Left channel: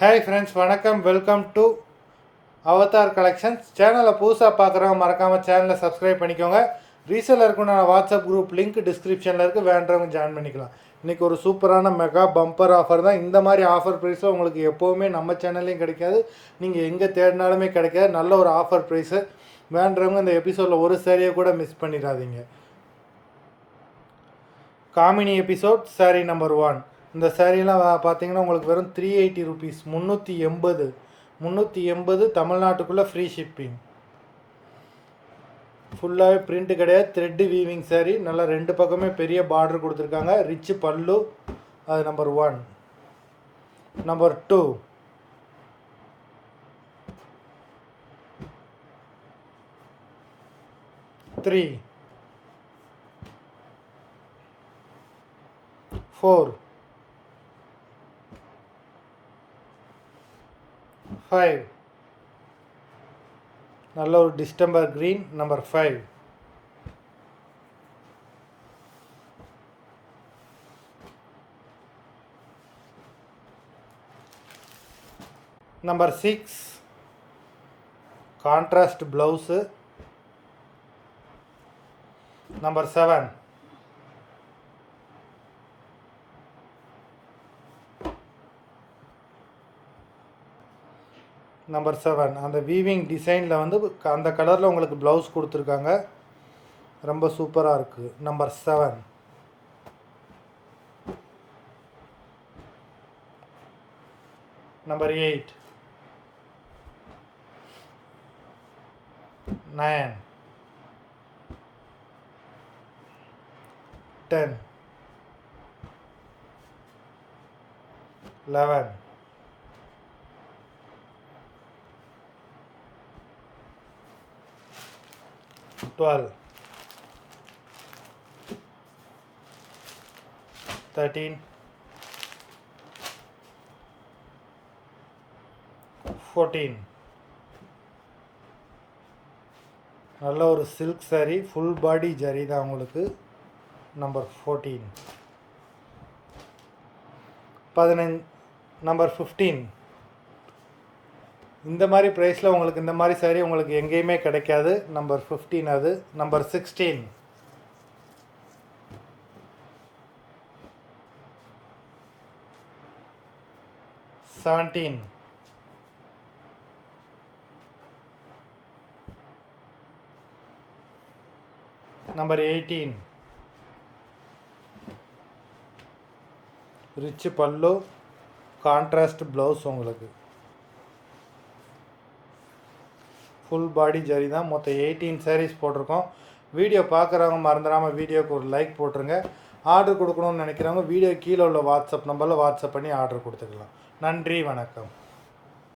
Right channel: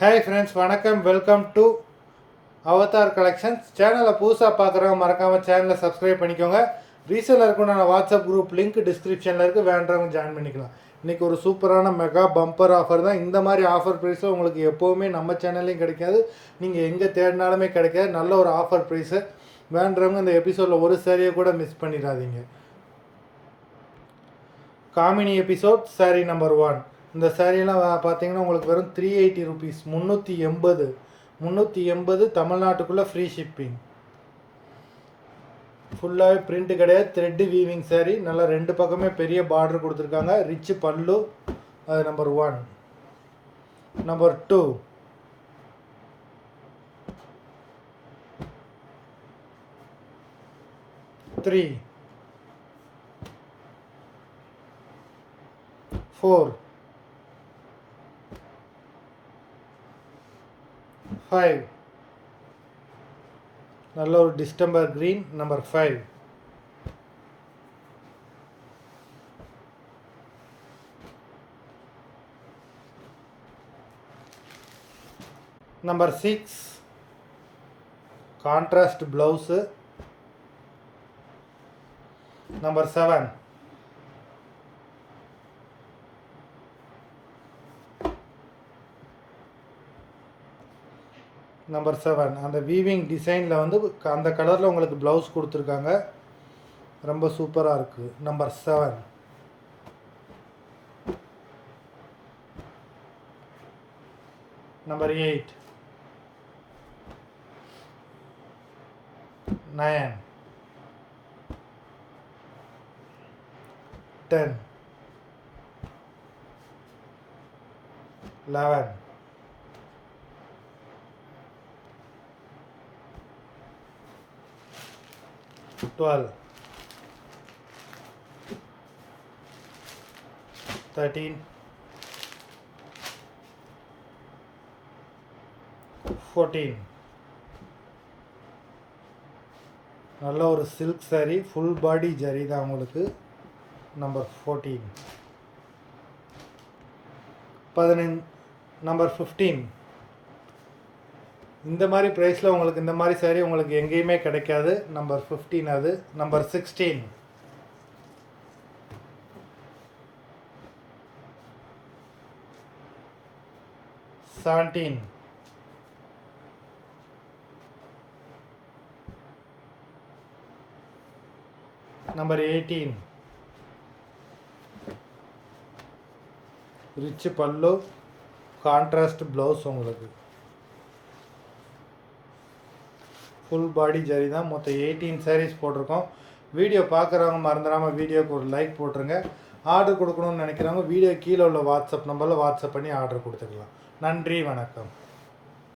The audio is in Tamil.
ஹாய் ஃப்ரெண்ட்ஸ், வணக்கம். Welcome to Avatar collections. சேனலை புதுசாக பார்க்குறவங்க மறக்காமல் சேனலை சப்ஸ்கிரைப் பண்ணிக்கோங்க. ரீசெல்லருக்கு நான் வாட்ஸ்அப் குரூப் லிங்க் டிஸ்கிரிப்ஷனில் இருக்குது, வேண்டவங்க ஜாயின் பண்ணிக்கலாம். இன்றைக்கி ஒரு சூப்பரான மெகா பம்பர் ஆஃபர் தான். இந்த மாதிரி ஆஃபர் ப்ரைஸில் உங்களுக்கு எப்போவுமே நம்ம சேனல்லையும் கிடைக்காது, நீங்கள் எங்கே தேடினாலுமே கிடைக்காது. நல்ல ஒரு ஆஃபர் ப்ரைஸு. வேண்டவங்க இந்த எபிசோடில் ஒரு சாரியை கூட மிஸ் பண்ணிடாதீங்க. Kamini episode sari number 1. இந்த சாரீலாம் பார்த்தீங்கன்னா உங்களுக்கு வெறும் 380 ருபீஸ், 380 தமிழ்நாட்டுக்குள்ளே ஃப்ரீ ஷிப்பிங். ஃபுல்லாகவே பிரிண்ட் கிடையாது, த்ரெட்டு வீவிங் சாரீ. நல்லா ரெண்டு பக்கமே பெரிய பார்டர் கொடுத்துருக்காங்க. ரிச் பல்லு. அது நம்பர் 1. Number 2, three, 4, 5. நல்ல ஒரு distemper green. Number 5. Number 6, contrast blouse. Number 7, number 7 அந்த வீவிங் டிசைனில் வந்து அந்த கலரில் உங்களுக்கு ப்ளவுஸ் கொடுத்துருக்காங்க. ரொம்ப சூப்பராக இருக்குது. நம்பர் 7. நம்பர் 8, 9, 10, 11, 12, 13, 14. நல்ல ஒரு silk sari, full body zari தான் உங்களுக்கு. நம்பர் 14. 15. நம்பர் 15. இந்த மாதிரி ப்ரைஸில் உங்களுக்கு இந்த மாதிரி சாரீ உங்களுக்கு எங்கேயுமே கிடைக்காது. நம்பர் 15 அது. Number 16, 17, number 18. ரிச் பல்லு, கான்ட்ராஸ்ட் ப்ளவுஸ் உங்களுக்கு. ஃபுல் பாடி ஜரி தான். மொத்தம் 18 சாரீஸ் போட்டிருக்கோம். வீடியோ பார்க்குறவங்க மறந்துடாமல் வீடியோக்கு ஒரு லைக் போட்டுருங்க. ஆர்டர் கொடுக்கணும்னு நினைக்கிறவங்க வீடியோ கீழே உள்ள வாட்ஸ்அப் நம்பரில் வாட்ஸ்அப் பண்ணி ஆர்டர் கொடுத்துக்கலாம். நன்றி, வணக்கம்.